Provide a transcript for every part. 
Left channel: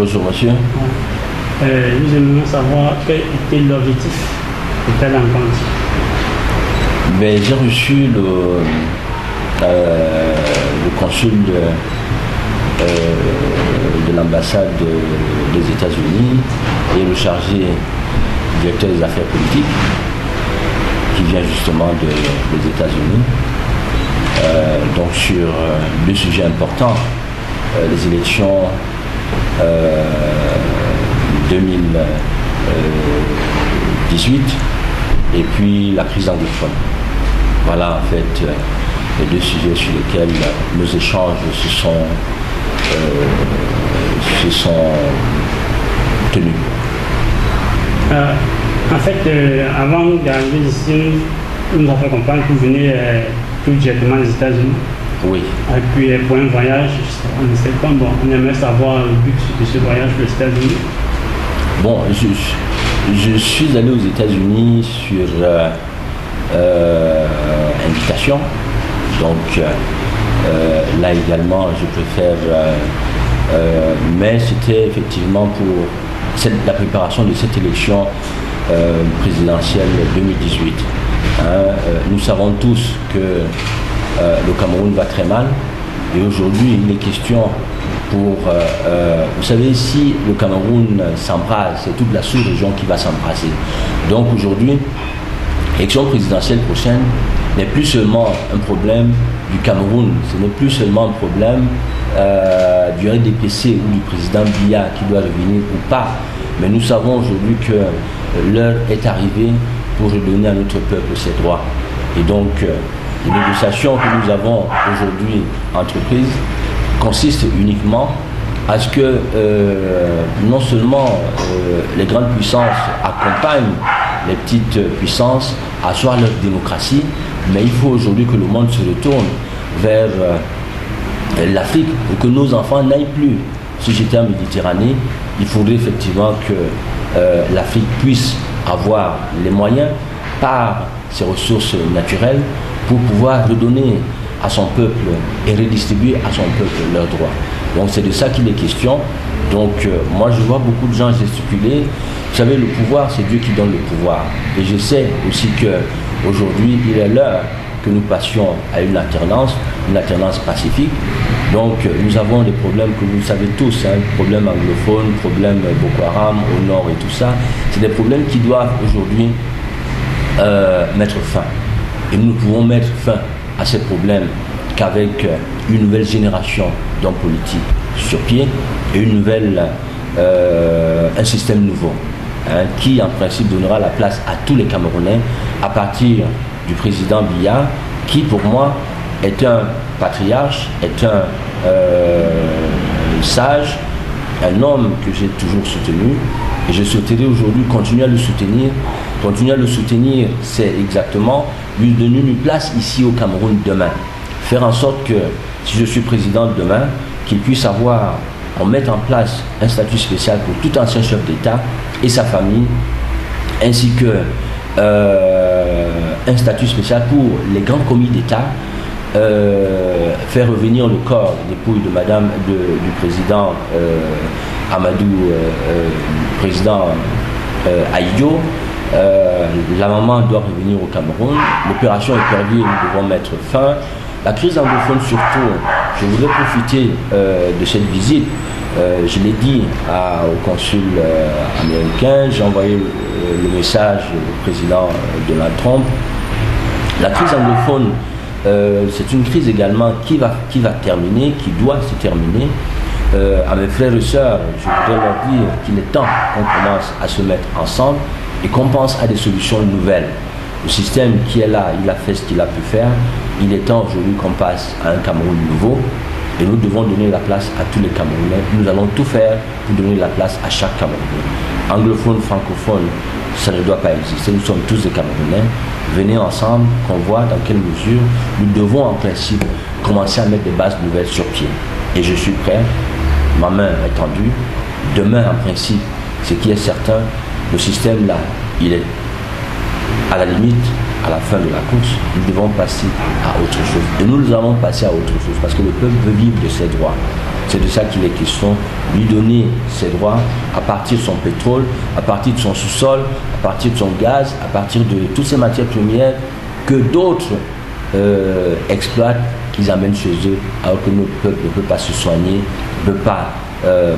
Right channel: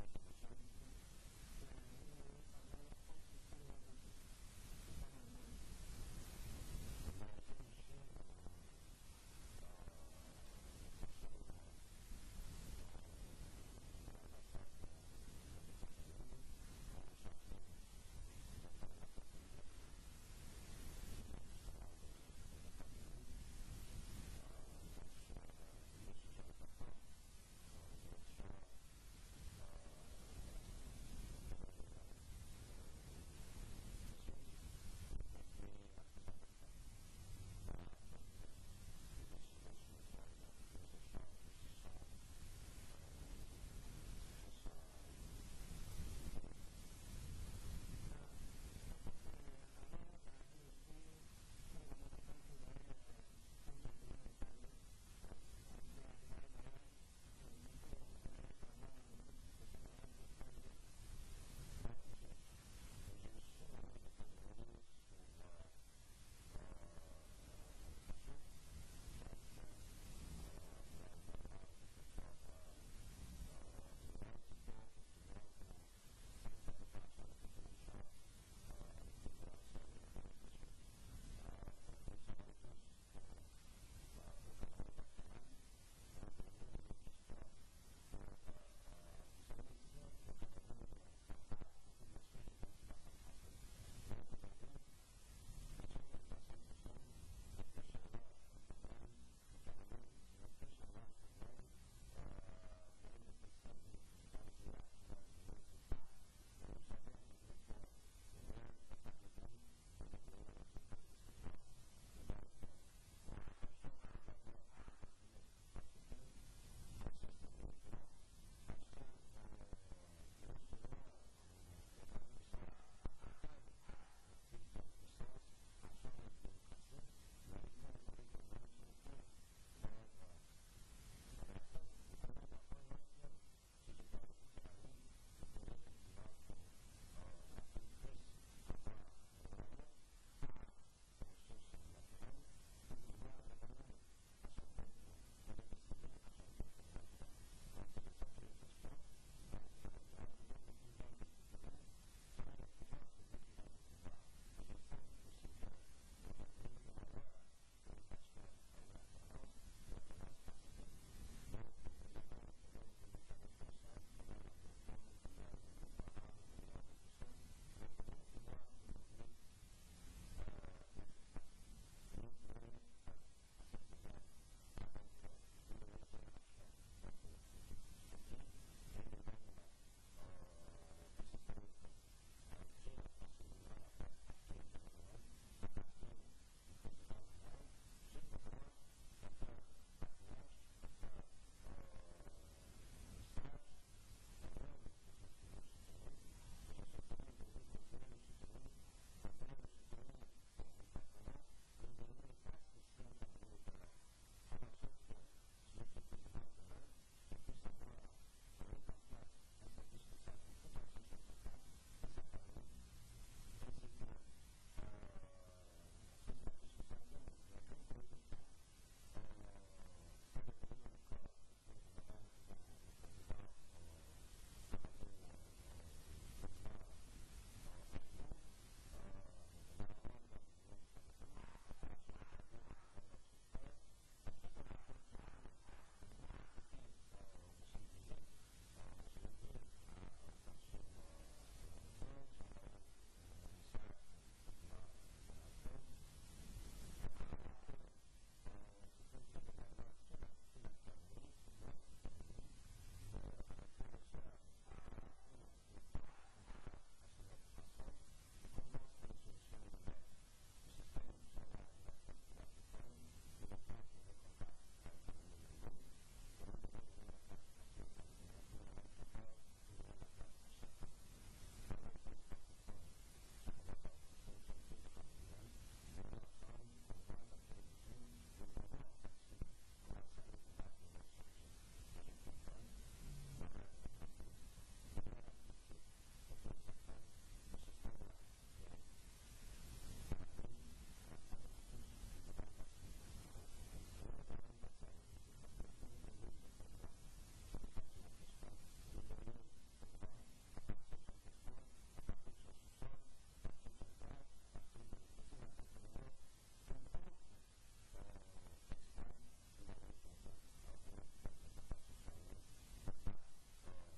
Bonjour monsieur. Nous aimerions savoir quel était l'objectif de telle rencontre. J'ai reçu le consul de l'ambassade des États-Unis et le chargé directeur des affaires politiques qui vient justement des États-Unis. Donc sur deux sujets importants, les élections 2018 et puis la crise anglophone. Voilà en fait les deux sujets sur lesquels nos échanges se sont tenus. En fait, avant d'arriver ici, nous avons fait comprendre que vous venez tout directement des États-Unis. Oui. Et puis pour un voyage en septembre, bon, on aimerait savoir le but de ce voyage aux États-Unis. Bon, je suis allé aux États-Unis sur invitation. Donc là également, je préfère. Mais c'était effectivement pour la préparation de cette élection présidentielle 2018. Nous savons tous que le Cameroun va très mal et aujourd'hui il est question pour... vous savez, si le Cameroun s'embrase, c'est toute la sous-région qui va s'embraser. Donc aujourd'hui, l'élection présidentielle prochaine n'est plus seulement un problème du Cameroun, ce n'est plus seulement un problème du RDPC ou du président Biya qui doit revenir ou pas, mais nous savons aujourd'hui que l'heure est arrivée pour redonner à notre peuple ses droits. Et donc, les négociations que nous avons aujourd'hui entreprises consistent uniquement à ce que non seulement les grandes puissances accompagnent les petites puissances à asseoir leur démocratie, mais il faut aujourd'hui que le monde se retourne vers l'Afrique pour que nos enfants n'aillent plus se jeter en Méditerranée. Il faudrait effectivement que l'Afrique puisse avoir les moyens par ses ressources naturelles pour pouvoir redonner à son peuple et redistribuer à son peuple leurs droits. Donc c'est de ça qu'il est question. Donc moi je vois beaucoup de gens gesticuler. Vous savez, le pouvoir, c'est Dieu qui donne le pouvoir. Et je sais aussi qu'aujourd'hui, il est l'heure que nous passions à une alternance pacifique. Donc nous avons des problèmes que vous savez tous, problèmes anglophones, problèmes Boko Haram au nord et tout ça. C'est des problèmes qui doivent aujourd'hui mettre fin. Et nous ne pouvons mettre fin à ces problèmes qu'avec une nouvelle génération d'hommes politiques sur pied et un système nouveau qui en principe donnera la place à tous les Camerounais à partir du président Biya qui pour moi est un patriarche, est un sage, un homme que j'ai toujours soutenu et je souhaiterais aujourd'hui continuer à le soutenir. Continuer à le soutenir, c'est exactement lui donner une place ici au Cameroun demain. Faire en sorte que, si je suis président demain, qu'il puisse on mette en place un statut spécial pour tout ancien chef d'État et sa famille, ainsi que un statut spécial pour les grands commis d'État, faire revenir le corps dépouille de du président Amadou, président Aïdjo. La maman doit revenir au Cameroun. L'opération est perdue et nous devons mettre fin. La crise anglophone surtout, je voudrais profiter de cette visite. Je l'ai dit au consul américain, j'ai envoyé le message au président Donald Trump. La crise anglophone, c'est une crise également qui va terminer, qui doit se terminer. À mes frères et sœurs, je voudrais leur dire qu'il est temps qu'on commence à se mettre ensemble et qu'on pense à des solutions nouvelles. Le système qui est là, il a fait ce qu'il a pu faire. Il est temps aujourd'hui qu'on passe à un Cameroun nouveau et nous devons donner la place à tous les Camerounais. Nous allons tout faire pour donner la place à chaque Camerounais. Anglophone, francophone, ça ne doit pas exister. Nous sommes tous des Camerounais. Venez ensemble, qu'on voit dans quelle mesure nous devons en principe commencer à mettre des bases nouvelles sur pied. Et je suis prêt, ma main est tendue. Demain, en principe, ce qui est certain, le système là, il est à la limite, à la fin de la course, nous devons passer à autre chose. Et nous allons passer à autre chose parce que le peuple veut vivre de ses droits. C'est de ça qu'il est question, lui donner ses droits à partir de son pétrole, à partir de son sous-sol, à partir de son gaz, à partir de toutes ces matières premières que d'autres exploitent, qu'ils amènent chez eux, alors que notre peuple ne peut pas se soigner, ne peut pas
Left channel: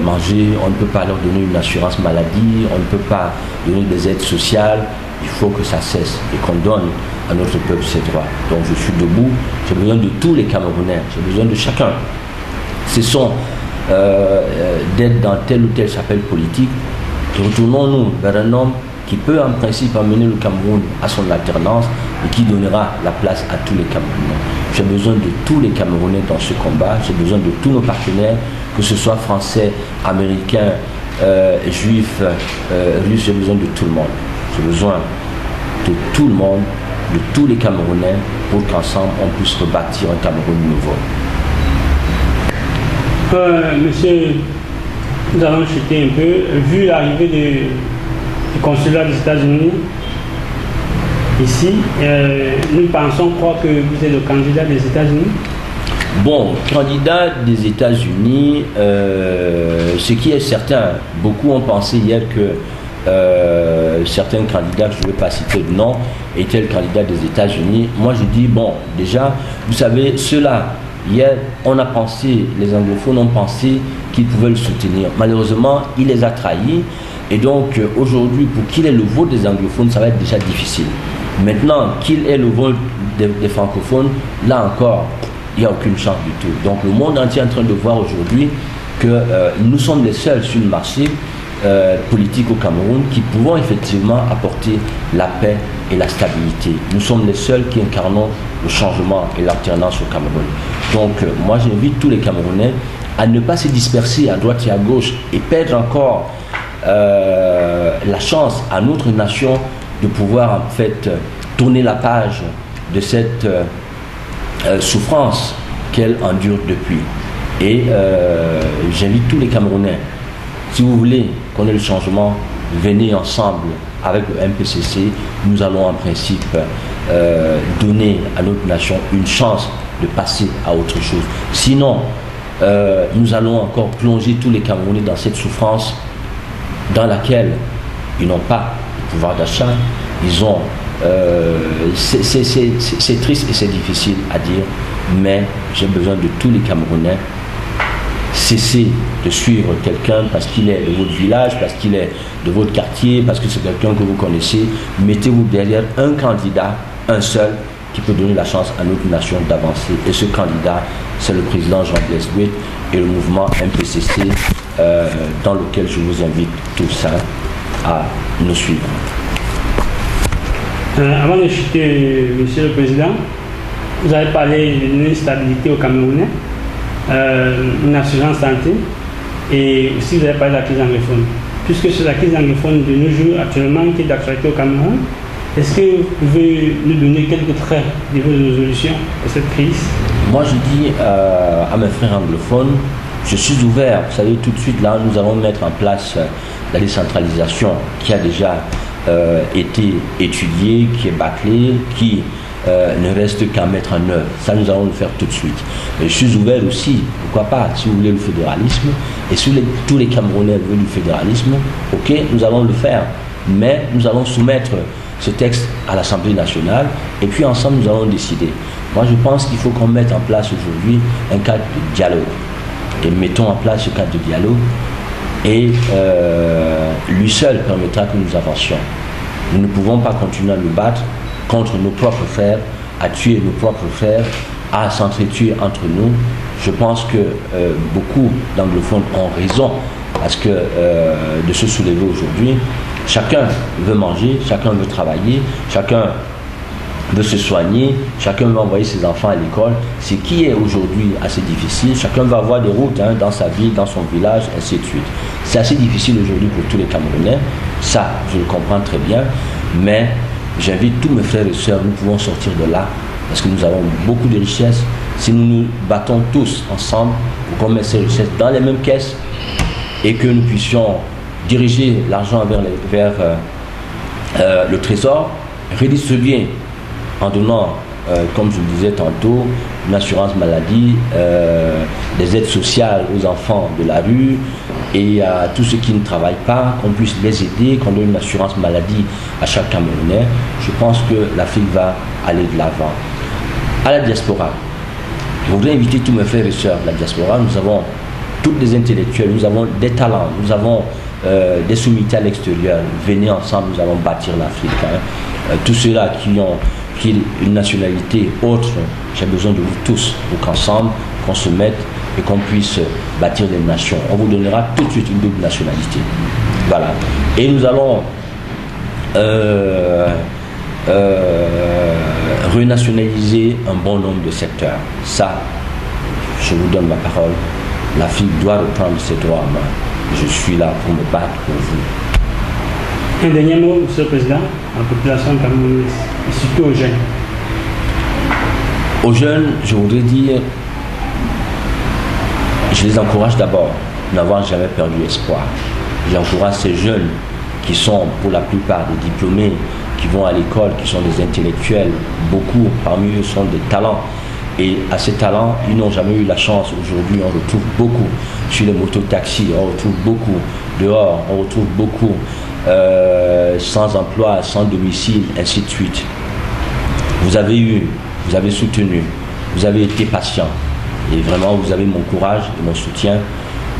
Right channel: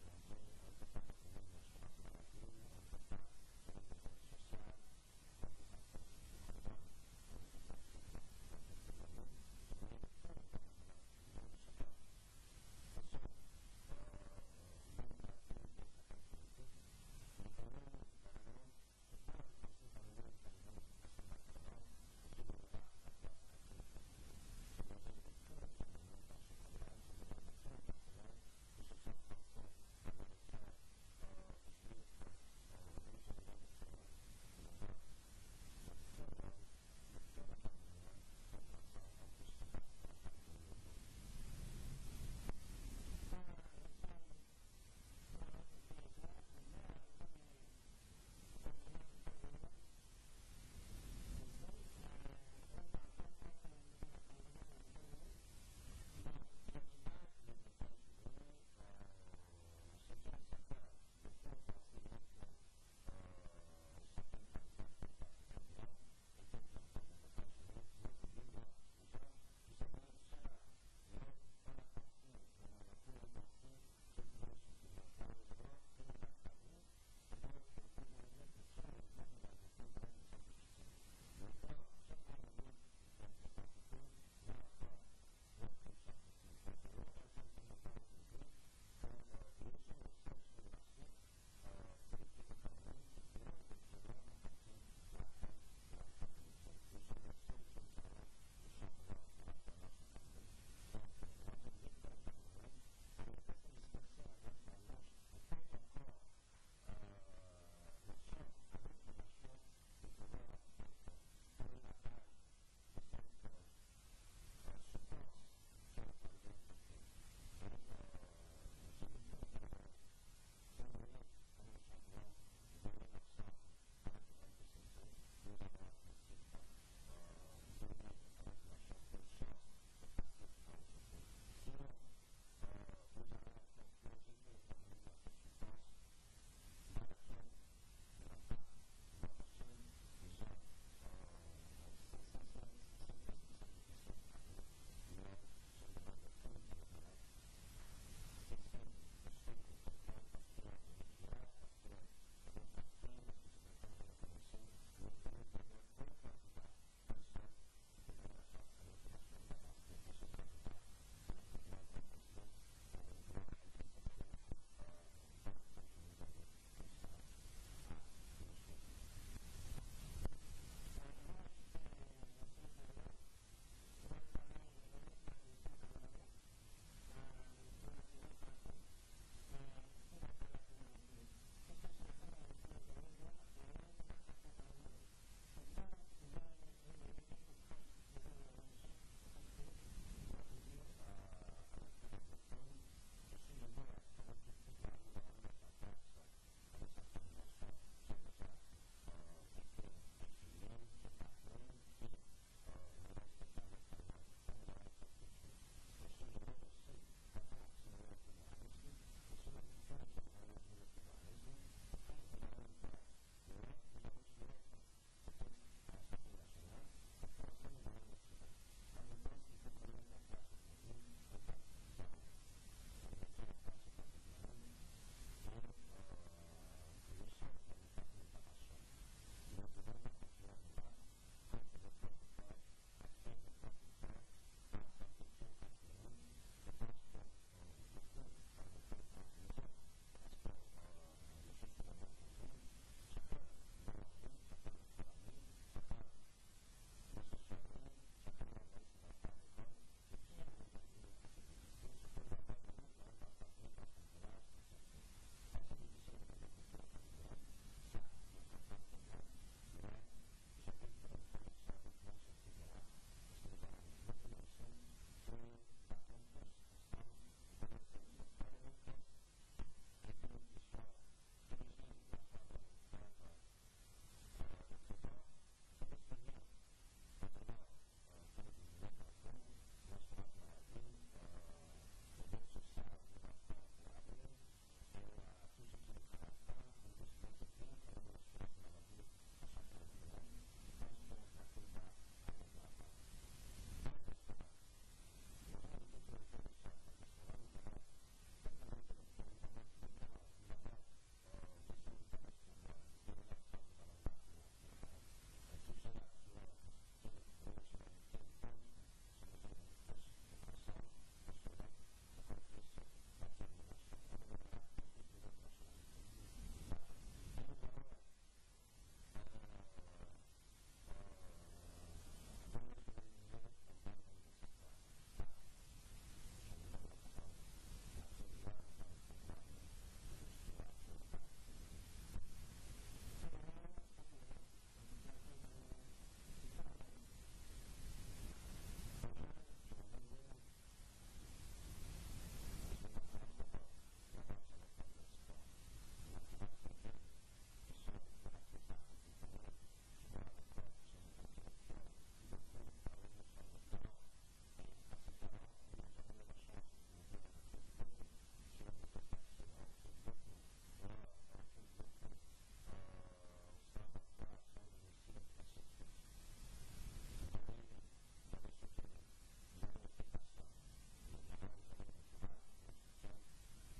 manger, on ne peut pas leur donner une assurance maladie, on ne peut pas donner des aides sociales. Il faut que ça cesse et qu'on donne à notre peuple ses droits. Donc je suis debout, j'ai besoin de tous les Camerounais, j'ai besoin de chacun. Cessons d'être dans telle ou telle chapelle politique. Retournons-nous vers un homme qui peut en principe amener le Cameroun à son alternance et qui donnera la place à tous les Camerounais. J'ai besoin de tous les Camerounais dans ce combat, j'ai besoin de tous nos partenaires, que ce soit français, américains, juifs, russes, j'ai besoin de tout le monde. J'ai besoin de tout le monde, de tous les Camerounais, pour qu'ensemble on puisse rebâtir un Cameroun nouveau. Monsieur, nous allons chuter un peu. Vu l'arrivée du consulat des États-Unis ici, nous pensons croire que vous êtes le candidat des États-Unis. Bon, candidat des États-Unis, ce qui est certain, beaucoup ont pensé hier que certains candidats, je ne vais pas citer de nom, étaient le candidat des États-Unis. Moi, je dis, bon, déjà, vous savez, ceux-là, hier, on a pensé, les anglophones ont pensé qu'ils pouvaient le soutenir. Malheureusement, il les a trahis. Et donc, aujourd'hui, pour qu'il ait le vote des anglophones, ça va être déjà difficile. Maintenant, qu'il ait le vote des francophones, là encore, il n'y a aucune chance du tout. Donc, le monde entier est en train de voir aujourd'hui que nous sommes les seuls sur le marché politique au Cameroun qui pouvons effectivement apporter la paix et la stabilité. Nous sommes les seuls qui incarnons le changement et l'alternance au Cameroun. Donc moi j'invite tous les Camerounais à ne pas se disperser à droite et à gauche et perdre encore la chance à notre nation de pouvoir en fait tourner la page de cette souffrance qu'elle endure depuis. Et j'invite tous les Camerounais, si vous voulez qu'on ait le changement, venez ensemble avec le MPCC. Nous allons en principe donner à notre nation une chance de passer à autre chose. Sinon, nous allons encore plonger tous les Camerounais dans cette souffrance dans laquelle ils n'ont pas de pouvoir d'achat. Ils ont... c'est triste et c'est difficile à dire, mais j'ai besoin de tous les Camerounais. Cessez de suivre quelqu'un parce qu'il est de votre village, parce qu'il est de votre quartier, parce que c'est quelqu'un que vous connaissez. Mettez-vous derrière un candidat, un seul, qui peut donner la chance à notre nation d'avancer. Et ce candidat, c'est le président Jean-Blaise Duet et le mouvement MPCC, dans lequel je vous invite tous à nous suivre. Avant de chuter, Monsieur le Président, vous avez parlé d'une stabilité au Camerounais, une assurance santé, et aussi vous avez parlé de la crise anglophone. Puisque c'est la crise anglophone de nos jours actuellement qui est d'actualité au Cameroun, est-ce que vous pouvez nous donner quelques traits de vos résolutions de cette crise? Moi je dis à mes frères anglophones, je suis ouvert. Vous savez, tout de suite là, nous allons mettre en place la décentralisation qui a déjà été étudiée, qui est bâclée, qui ne reste qu'à mettre en œuvre. Ça, nous allons le faire tout de suite. Mais je suis ouvert aussi, pourquoi pas, si vous voulez le fédéralisme, et si tous les Camerounais veulent du fédéralisme, ok, nous allons le faire. Mais nous allons soumettre ce texte à l'Assemblée nationale, et puis ensemble, nous allons décider. Moi, je pense qu'il faut qu'on mette en place aujourd'hui un cadre de dialogue. Et mettons en place ce cadre de dialogue, et lui seul permettra que nous avancions. Nous ne pouvons pas continuer à nous battre contre nos propres frères, à tuer nos propres frères, à s'entretuer entre nous. Je pense que beaucoup d'anglophones ont raison parce que de se soulever aujourd'hui. Chacun veut manger, chacun veut travailler, chacun veut se soigner, chacun veut envoyer ses enfants à l'école. Ce qui est aujourd'hui assez difficile. Chacun va avoir des routes dans sa ville, dans son village, ainsi de suite. C'est assez difficile aujourd'hui pour tous les Camerounais. Ça, je le comprends très bien. Mais j'invite tous mes frères et sœurs, nous pouvons sortir de là parce que nous avons beaucoup de richesses. Si nous nous battons tous ensemble pour qu'on mette ces richesses dans les mêmes caisses et que nous puissions diriger l'argent vers le trésor, redistribuer en donnant, comme je le disais tantôt, une assurance maladie, des aides sociales aux enfants de la rue et à tous ceux qui ne travaillent pas, qu'on puisse les aider, qu'on donne une assurance maladie à chaque Camerounais. Je pense que l'Afrique va aller de l'avant. À la diaspora, je voudrais inviter tous mes frères et sœurs de la diaspora. Nous avons tous des intellectuels, nous avons des talents, nous avons des sommités à l'extérieur. Venez ensemble, nous allons bâtir l'Afrique. Tous ceux-là qui ont une nationalité autre, j'ai besoin de vous tous pour qu'ensemble, qu'on se mette et qu'on puisse bâtir des nations. On vous donnera tout de suite une double nationalité. Voilà. Et nous allons renationaliser un bon nombre de secteurs. Ça, je vous donne ma parole. L'Afrique doit reprendre ses droits en main. Je suis là pour me battre pour vous. Un dernier mot, Monsieur le Président, à la population camerounaise, et surtout aux jeunes. Aux jeunes, je voudrais dire, je les encourage d'abord n'avoir jamais perdu espoir. J'encourage ces jeunes qui sont pour la plupart des diplômés, qui vont à l'école, qui sont des intellectuels. Beaucoup parmi eux sont des talents. Et à ces talents, ils n'ont jamais eu la chance. Aujourd'hui, on retrouve beaucoup sur les mototaxis, on retrouve beaucoup dehors, on retrouve beaucoup sans emploi, sans domicile, ainsi de suite. Vous avez soutenu, vous avez été patient. Et vraiment, vous avez mon courage et mon soutien.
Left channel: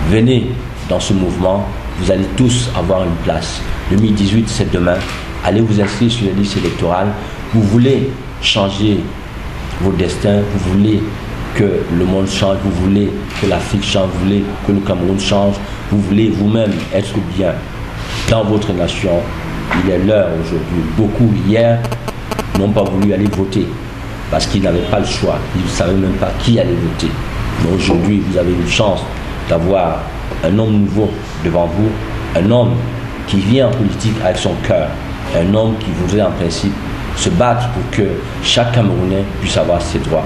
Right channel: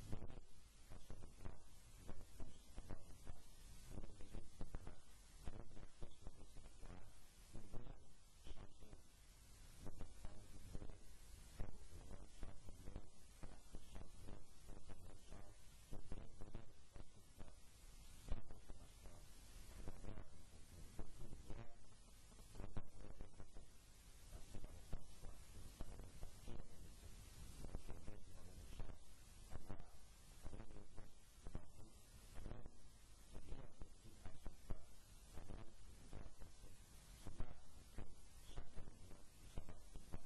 Venez dans ce mouvement, vous allez tous avoir une place. 2018, c'est demain. Allez vous inscrire sur les listes électorales. Vous voulez changer vos destins, vous voulez que le monde change, vous voulez que l'Afrique change, vous voulez que le Cameroun change, vous voulez vous-même être bien dans votre nation. Il est l'heure aujourd'hui. Beaucoup hier n'ont pas voulu aller voter parce qu'ils n'avaient pas le choix. Ils ne savaient même pas qui allait voter. Mais aujourd'hui, vous avez une chance d'avoir un homme nouveau devant vous, un homme qui vient en politique avec son cœur, un homme qui voudrait en principe se battre pour que chaque Camerounais puisse avoir ses droits.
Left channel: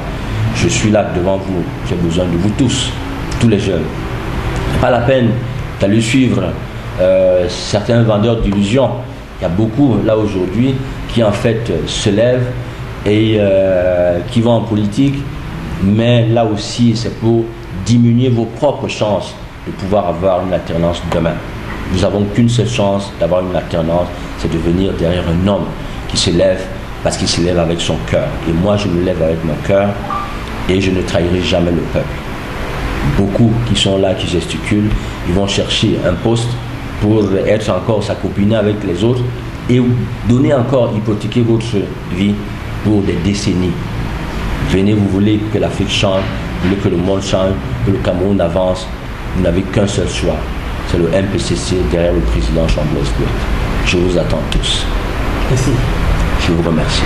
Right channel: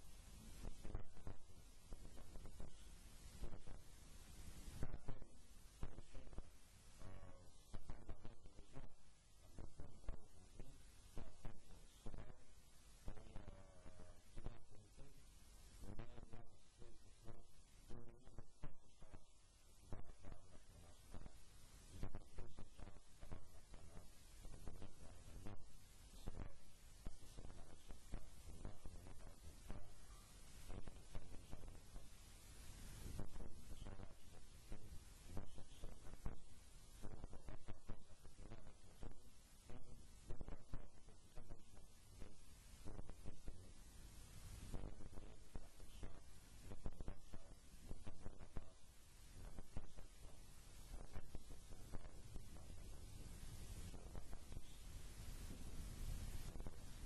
Je suis là devant vous, j'ai besoin de vous tous les jeunes. Pas la peine d'aller suivre certains vendeurs d'illusions. Il y a beaucoup là aujourd'hui qui en fait se lèvent et qui vont en politique, mais là aussi c'est pour diminuer vos propres chances de pouvoir avoir une alternance demain. Nous n'avons qu'une seule chance d'avoir une alternance, c'est de venir derrière un homme qui se lève parce qu'il se lève avec son cœur. Et moi, je me lève avec mon cœur et je ne trahirai jamais le peuple. Beaucoup qui sont là, qui gesticulent, ils vont chercher un poste pour être encore s'acoupiner avec les autres et donner encore, hypothéquer votre vie pour des décennies. Venez, vous voulez que l'Afrique change, vous voulez que le monde change, que le Cameroun avance. Vous n'avez qu'un seul choix, c'est le MPCC derrière le président Jean-Blaise Diop. Je vous attends tous. Merci. Je vous remercie.